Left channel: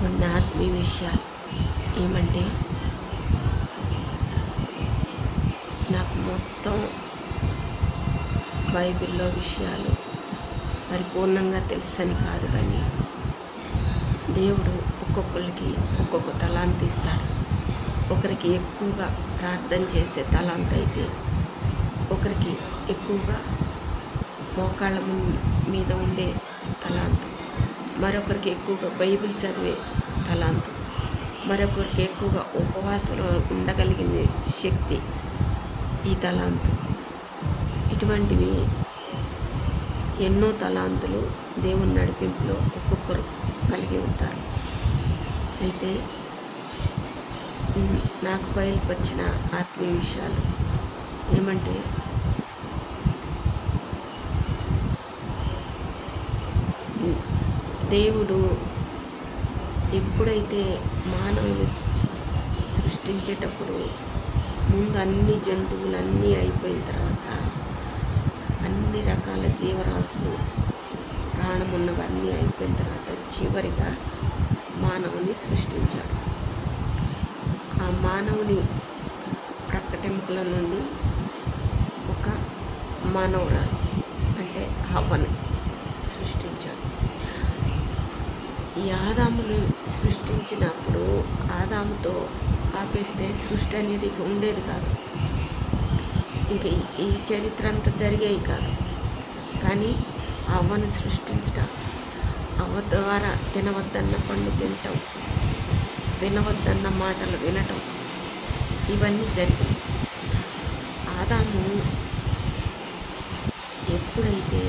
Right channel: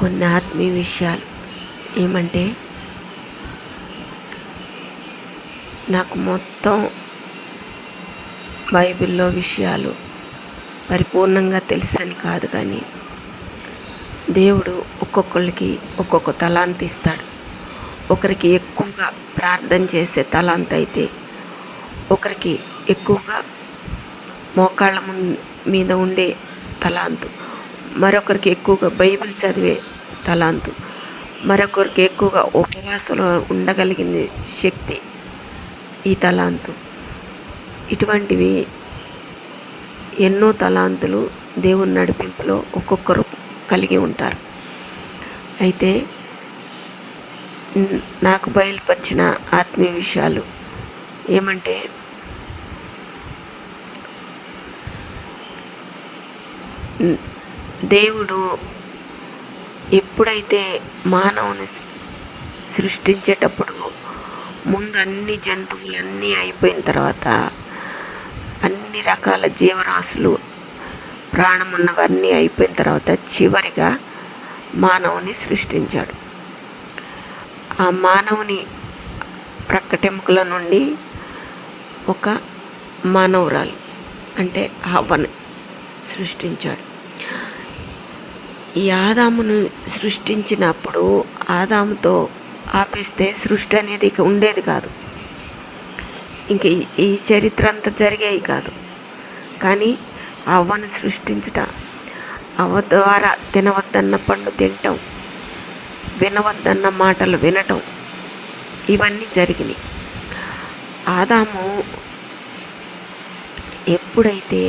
కొన్ని ఆత్మీయ విషయాలు ఏమంటే, నాకు మొత్తం బైబిల్లో విషయాలు పరిపూర్ణంగా తెలుసని కాదు, కానీ దేవుడు ఒక్కొక్కరికి ఒక్కొక్క తలాంతు ఇస్తాడు. ఒకరికి ఎక్కువగా ప్రార్థన చేసే తలాంతు అయితే, ఒకరికి ఎక్కువగా మోకాళ్ళ మీద ఉండే తలాంతు, మరొకరికి ఎక్కువగా బైబిల్ చదివే తలాంతు, మరొకరికి ఎక్కువగా ఉపవాసంలో ఉండగలిగిన శక్తి ఈ తలాంతు. ఇటువంటివి ఎన్నో తలాంతులు దేవుని నడిపింపులో ఒక్కొక్కరు కలిగి ఉంటారు. అయితే నాకు బయలుపరిచిన ఆత్మీయ విషయాలు ఏమంటే, దేవుడు ఎప్పుడైతే మానవుని సృష్టించేటప్పుడు ముందు అన్ని జంతువులన్నీ అయిపోయిన తర్వాత, అన్ని రకాల జీవరాశులు ప్రాణం ఉన్నవన్నీ అయిపోయిన తర్వాత చివరిగా మానవుని సృష్టించాడు. ఆ మానవుని ప్రక్కటెముకల నుండి ఒక మానవురాలు అంటే హవ్వని సృష్టించాడు. ఈ ఆదామును సృష్టించినప్పుడు ఆదాముతో ఆపేస్తే సృష్టి అనేది ఇక ఉండేది కాదు, ఇంక ఈ చరిత్ర అంతా జరిగేవి కాదు. కానీ అవ్వను సృష్టించట, అవ్వ ద్వారా తినవద్దన్న పండు తినటం, వినవద్దన్న మాటలు వినటం, ఇవన్నీ జరిగినాయి. ఆదాము ఎప్పుడైతే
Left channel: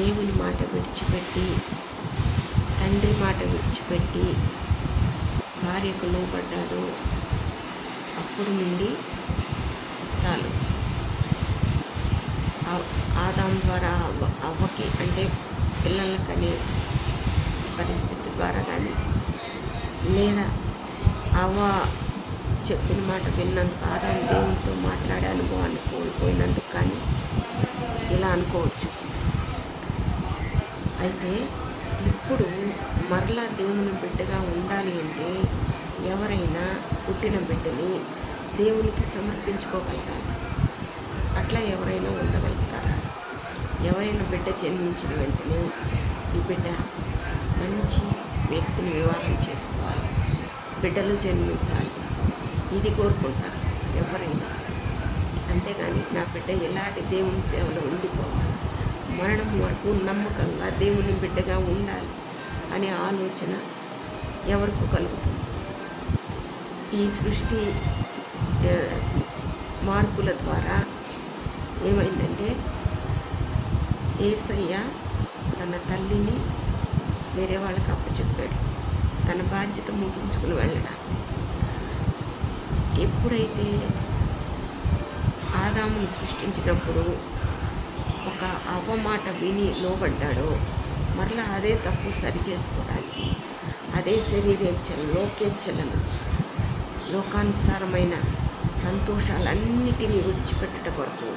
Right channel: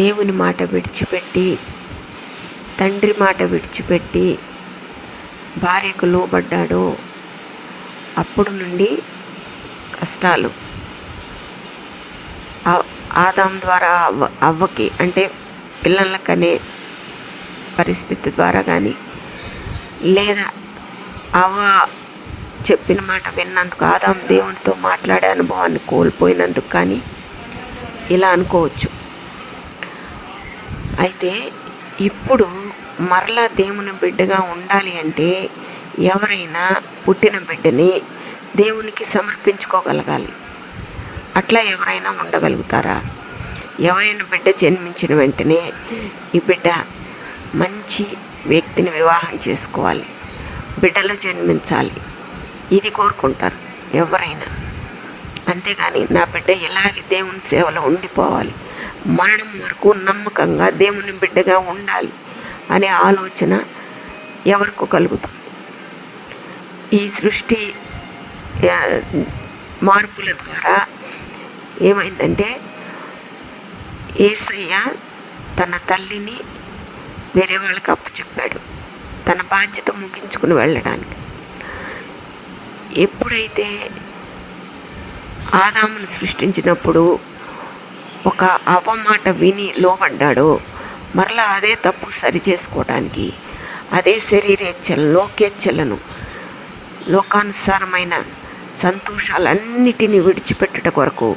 దేవుని మాట విడిచిపెట్టి, తండ్రి మాట విడిచిపెట్టి భార్యకు లోబడ్డాడో అప్పుడు నుండి కష్టాలు ఆదాం ద్వారా అవ్వకి, అంటే పిల్లలకనే పరిస్థితి ద్వారా కానీ, లేదా అవ్వ చెప్పిన మాట విన్నందుకు ఆదాం దేవునితో మాట్లాడే అనుభవాన్ని కోల్పోయినందుకు కానీ ఇలా అనుకోవచ్చు. అయితే ఇప్పుడు మరలా దేవుని బిడ్డగా ఉండాలి అంటే ఎవరైనా పుట్టిన బిడ్డని దేవునికి సమర్పించుకోగలగాలి. అట్లా ఎవరైనా ఉండగలుగుతారా? ఎవరైనా బిడ్డ జన్మించిన వెంటనే ఈ బిడ్డ మంచి వ్యక్తిని వివాహం చేసుకోవాలి, బిడ్డలు జన్మించాలి, ఇది కోరుకుంటారు ఎవరైనా. అంతేగాని నా బిడ్డ ఇలాగే దేవుని సేవలో ఉండిపోవాలి, మరణం వరకు నమ్మకంగా దేవుని బిడ్డగా ఉండాలి అనే ఆలోచన ఎవరికో కలుగుతుంది. ఈ సృష్టి మార్పుల ద్వారా ఏమైందంటే, యేసయ్య తన తల్లిని వేరే వాళ్ళకి అప్పచెప్పాడు తన బాధ్యత ముగించుకుని వెళ్ళడానికి. ఎప్పుడైతే ఆదామును సృష్టించినప్పుడు ఒక అవ్వ మాట విని లోబడ్డాడో, మరలా అదే తప్పు సరిచేసుకోవడానికి, అదే శరీరేచ్ఛలను, లోకేచ్ఛలను, లోకానుసారమైన సంతోషాలన్నిటినీ విడిచిపెట్టుట కొరకు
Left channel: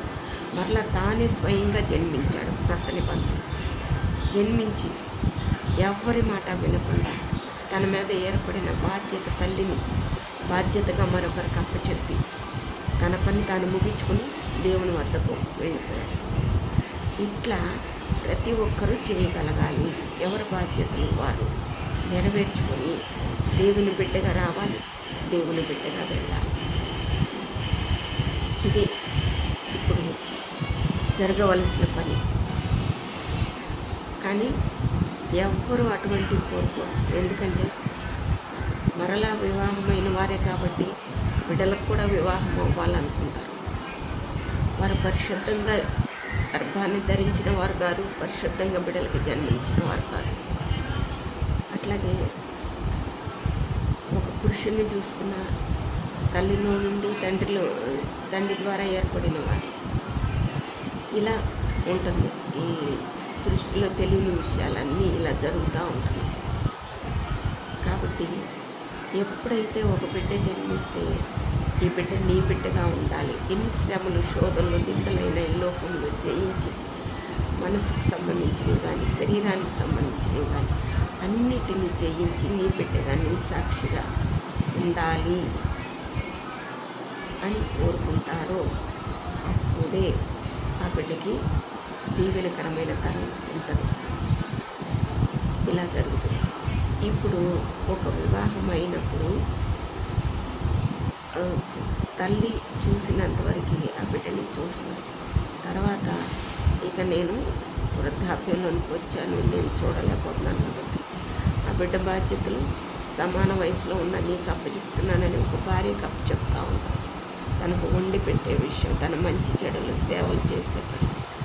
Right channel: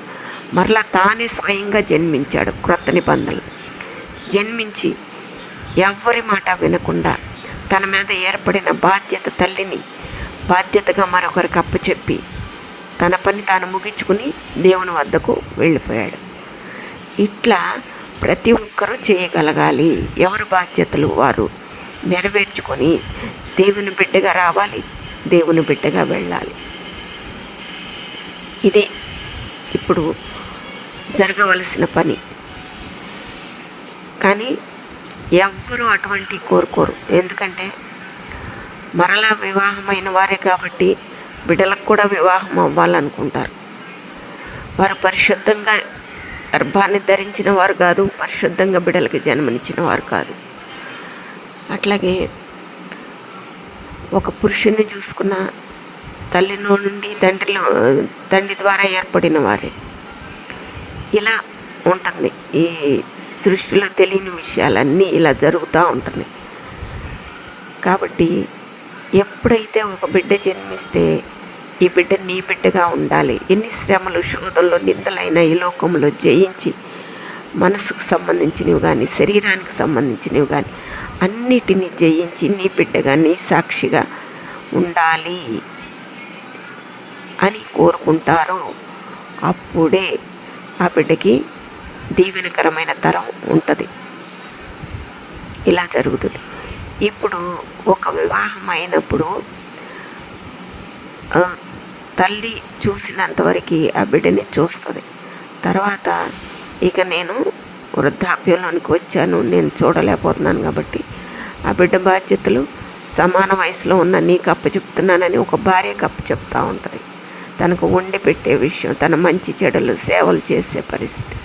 మరలా తానే స్వయంగా జన్మించాడు. క్రొత్త నిబంధనలు జన్మించి ఎవ్వరి మాట వినకుండా తన మీద ఏర్పడిన బాధ్యత, తల్లిని బాధ్యతగా మరొకరికి అప్పచెప్పి తన పని తాను ముగించుకుని దేవుని వద్దకు వెళ్ళిపోయాడు. ఇట్లా ప్రతి ఒక్కరూ చేయగలగాలి. ఎవరి బాధ్యతలు వారు నెరవేర్చుకొని దేవుని బిడ్డగా రావాలి, దేవుని బిడ్డగా వెళ్ళాలి. ఇది ఇప్పుడు జరగవలసిన పని. కానీ ఎవ్వరూ అటువంటి కోరుకోరు. ఎందుకంటే మరలా వివాహమైన వారే కాబట్టి బిడ్డలకు కూడా వివాహం అవ్వాలనుకుంటారు. వారు పరిశుద్ధంగా గర్భాన్ని ధరించిన వారు కాదు, పరిశుద్ధంగా బిడ్డలకి జన్మనిచ్చిన వారు కాదు. అట్లాగే ఒక పురుషుని చూసుకున్న తల్లిలో నుండి తండ్రి ద్వారా ఏర్పడిన వారే. ఇలా ఉంటుంది. ఈ సృష్టిలో తెలియని విషయాలన్నీ ఇలా జరుగుతూ ఉంటున్నాయి. కాబట్టి ఎప్పుడైతే ఒక బిడ్డ జన్మిస్తే ఈ బిడ్డ నీ బిడ్డగా ఉండాలి. ఎన్ని శ్రమలు, శోధనలు, నిందలైన ఈ లోకంలో జయించి మనసుకు సంబంధించినవి కానీ, శరీరానికి సంబంధించినవి కానీ అన్నిటినీ జయించి నీ బిడ్డగా నీ సాక్షిగా ఉండాలి అని కోరుకుంటారో అప్పుడే ఆ బిడ్డకి దీవెనకరమైన తరం ఉంటుంది. ఇలా జరుగుతుంది. ఇప్పుడు ఒక వివాహం అయినప్పుడు తల్లి చూసినంతవరకు ఆ బిడ్డని చూస్తుంది. తర్వాత ఇక నేను వృద్ధాప్యంలోనికి వచ్చాను, నేను చూడలేకపోతున్నాను కాబట్టి ఆ బిడ్డ బాధ్యతలు సమాన వయసులో ఉన్న నీకు అప్పచెప్తున్నానని ఒక భార్యకు అప్పచెప్తూ ఉంటుంది. తనకు వండి పెట్టే విషయం, తన మంచి చెడులు సేవలు చేసే పరిస్థితి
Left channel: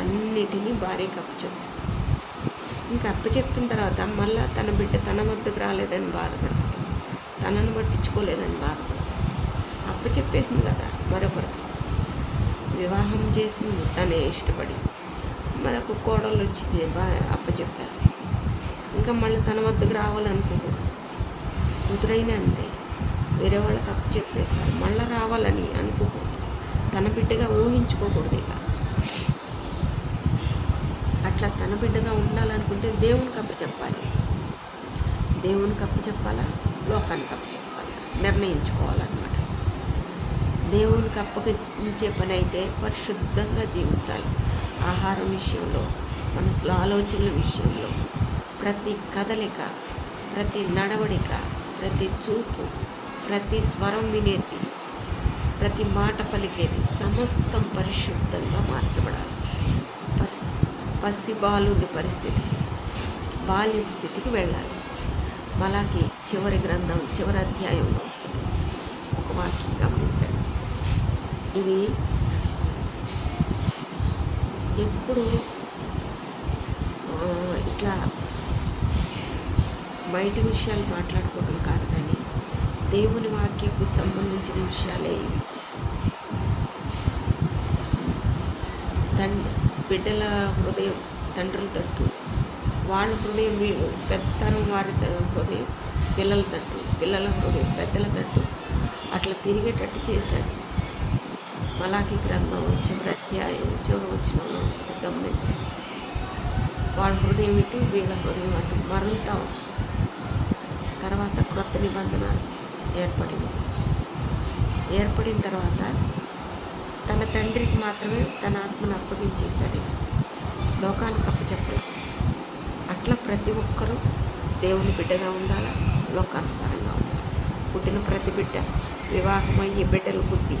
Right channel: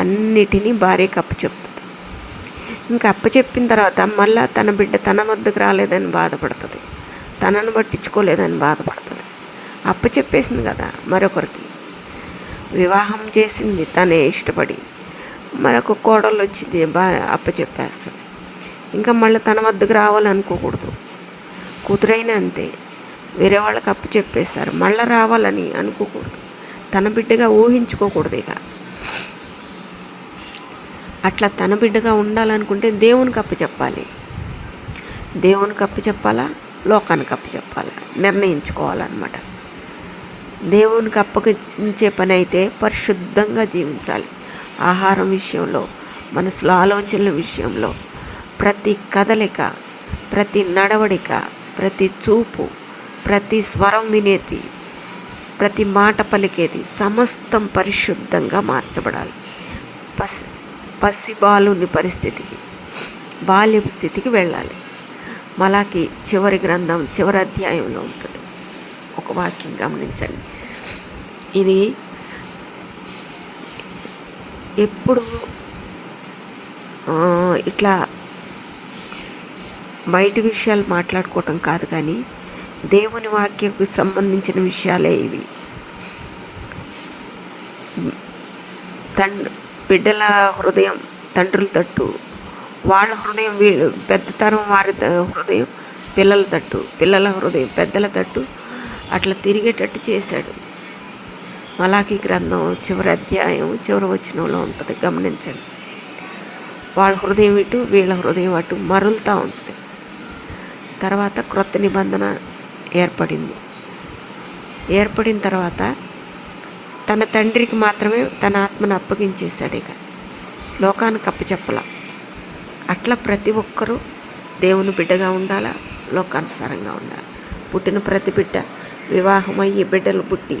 అన్నిటినీ భార్యకు అప్పచెప్తుంది. ఇంకా అప్పచెప్పిన తర్వాత మళ్ళీ తన బిడ్డ తన వద్దకు రాలేదని బాధపడుతుంది, తనను పట్టించుకోలేదని బాధపడుతుంది. అప్పచెప్పేసింది కదా మరొకరికి, వివాహం చేసింది తనే ఇష్టపడి, మరొక కోడలు వచ్చింది అప్పచెప్పేస్తుంది. ఇంకా మళ్ళీ తన వద్దకు రావాలనుకోకూడదు. కూతురైనా అంతే, వేరే వాళ్ళకి అప్పచెప్పేశారు మళ్ళీ రావాలని అనుకోకూడదు, తన బిడ్డగా ఊహించుకోకూడదు. ఇక అట్లా తన బిడ్డగా ఉండాలనుకుంటే దేవునికి అప్పచెప్పాలి. దేవునికి అప్పచెప్పాలా, లోకానికి అప్పచెప్పాలా నిర్ణయించుకోవాలన్నమాట. దేవునికి అప్పగించే పని అయితే పరిశుద్ధంగా జీవించాలి. ఆహారం విషయంలో, మనసులో ఆలోచనల విషయంలో, ప్రతి కదలిక, ప్రతి నడవడిక, ప్రతి చూపు, ప్రతి స్వరం వినేది, ప్రతి మాట పలికేది సమస్తం పరిశుద్ధంగా మార్చబడాలి. పసిబాలుని పరిస్థితికి, బాల్యపు స్థితికి వెళ్ళాలి. మలాకి చివరి గ్రంథం చివరి అధ్యాయంలో ఉంటుంది. ఒక వాక్యం గమనించండి. ఇది ఎప్పుడు ఇట్లా బయటి విషయాలు మాట్లాడుకోవటం కాదు, కానీ దేవుని వాక్యకు సంబంధించిన విషయాలే ఇవి. బిడ్డల హృదయం తండ్రుల తట్టు, వాళ్ళ హృదయం పెద్ద తరం వారి హృదయం పిల్లల తట్టు, పిల్లల హృదయం పెద్దల తట్టు అట్లా తిరిగేటట్టు చేశాడు. మలాకి గ్రంథం చివరి అధ్యాయం చివరి వచనంలో ఉంటుంది, గమనించండి. వాళ్ళ హృదయం ఇటు, వీళ్ళ హృదయం అటు మరులుతూ ఉంటుంది. తర్వాత క్రొత్త నిబంధన ఏర్పడిన తర్వాత తన తండ్రికి మాత్రమే తన ఆత్మను అప్పగించేశాడు. ఇక లోకానికి అప్పచెప్పలా. అట్లా ప్రతి ఒక్కరూ దేవుని బిడ్డగా ఉండాలా, లోకానుసారంగా ఉండాలి. పుట్టిన ప్రతి బిడ్డ వివాహం అయ్యి బిడ్డలు పుట్టి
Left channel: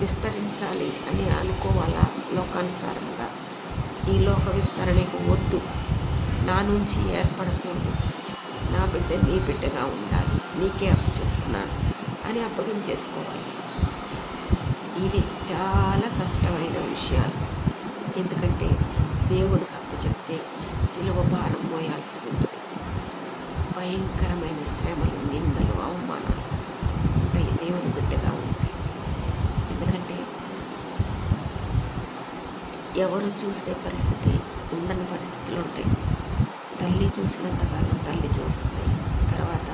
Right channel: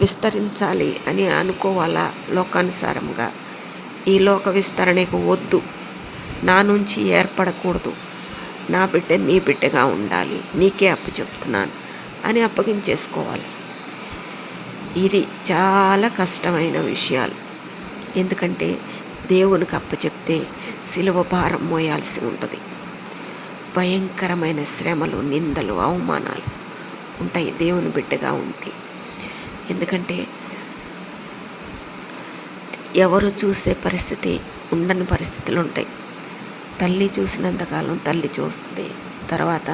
విస్తరించాలి అని అనుకోవాలా లోకానుసారంగా. ఈ లోక విస్తరణకు వద్దు, నా నుంచి ఏర్పడకూడదు, నా బిడ్డ నీ బిడ్డగా ఉండాలి, నీకే అప్పచెప్తున్నాను అని అప్పగించేసుకోవాలి. ఇది చాలా కష్టమైన విషయాలు. ఎందుకంటే దేవునికి అప్పచెప్తే సిలువ భారం మోయాల్సి ఉంటుంది. భయంకరమైన శ్రమలు, నిందలు, అవమానాలు ఉంటాయి దేవుని బిడ్డగా ఉంటే. ఎందుకంటే ఎవరు చూసే పరిస్థితి ఉండని పరిస్థితులు ఉంటాయి. తల్లి చూసినంతకాలం తల్లి చూస్తుంది. తర్వాత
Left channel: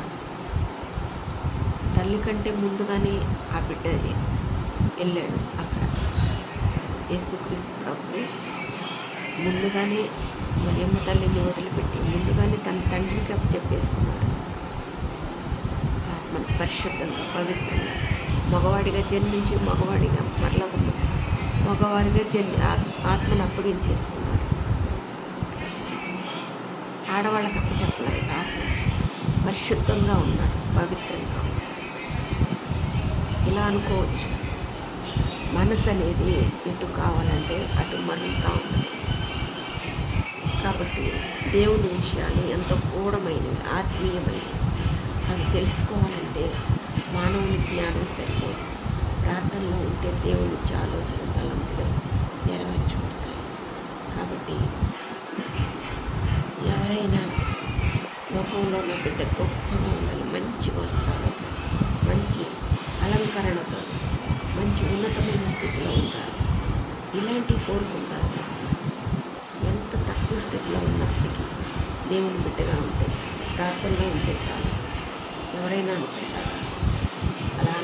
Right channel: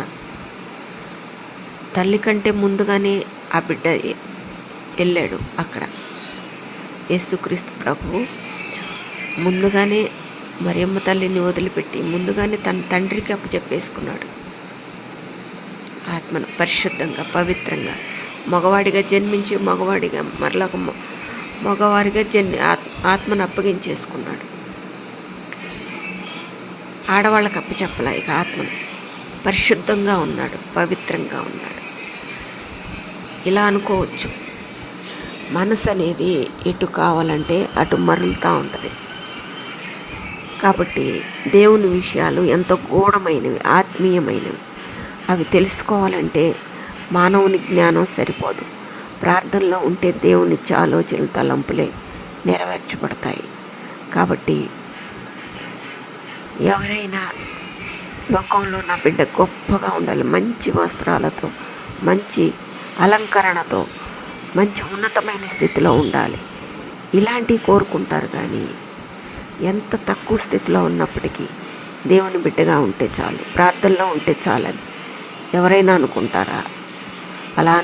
తల్లి కంటే ముందుగానే ఆ బిడ్డ వెళ్ళాడు. అక్కడ యేసుక్రీస్తు ప్రభువు ముందుగానే మరియమ్మ తల్లిని వదిలిపెట్టి ముందుగానే తన తండ్రికి అప్పచెప్పేసుకున్నాడు. ఆత్మను పరిశుద్ధంగా, పవిత్రంగా, మగవాడిగా జన్మించి మగవాడిగా మరలా మగవారిగా ఆత్మను అప్పగించేసుకున్నాడు. ఆడవాళ్ళకి అప్పచెప్పలే. ఇక ఆత్మను పరిశుద్ధంగా ఉన్నాడు, పవిత్రంగా ఉన్నాడు. ఇలా అనుకోవచ్చు. మనసు అనేది ఎటు కావాలంటే అటు మరలుతూ ఉంటుంది. కాబట్టి దేవుని విషయాలు ఎంతో గూఢమైనవి, ఆత్మీయమైనవి. అవి తెలుసుకోవాలంటే మానవుని జ్ఞానం సరిపోదు. ప్రార్థనలో ఉంటే దేవునిచ్చే ఆలోచనలు, తలంపులే నెరవేర్చబడతాయి. కాబట్టి ఎవరైనా లోకంలో నా బిడ్డ గొప్పగా ఉండాలి, మంచి వస్త్రాలతో, మంచి అలంకరణతో, మంచి ఉన్నతమైన స్థితిలో ఉండాలి, ఇలాంటివి కోరుకుంటారు. కానీ ఎంత తక్కువ స్థితిలో ఉన్నప్పటికీ దేవుని బిడ్డగా ఉంటే చాలు, ప్రార్థనలో ఉంటే చాలని ఎవరైనా అనుకుంటారా? అలా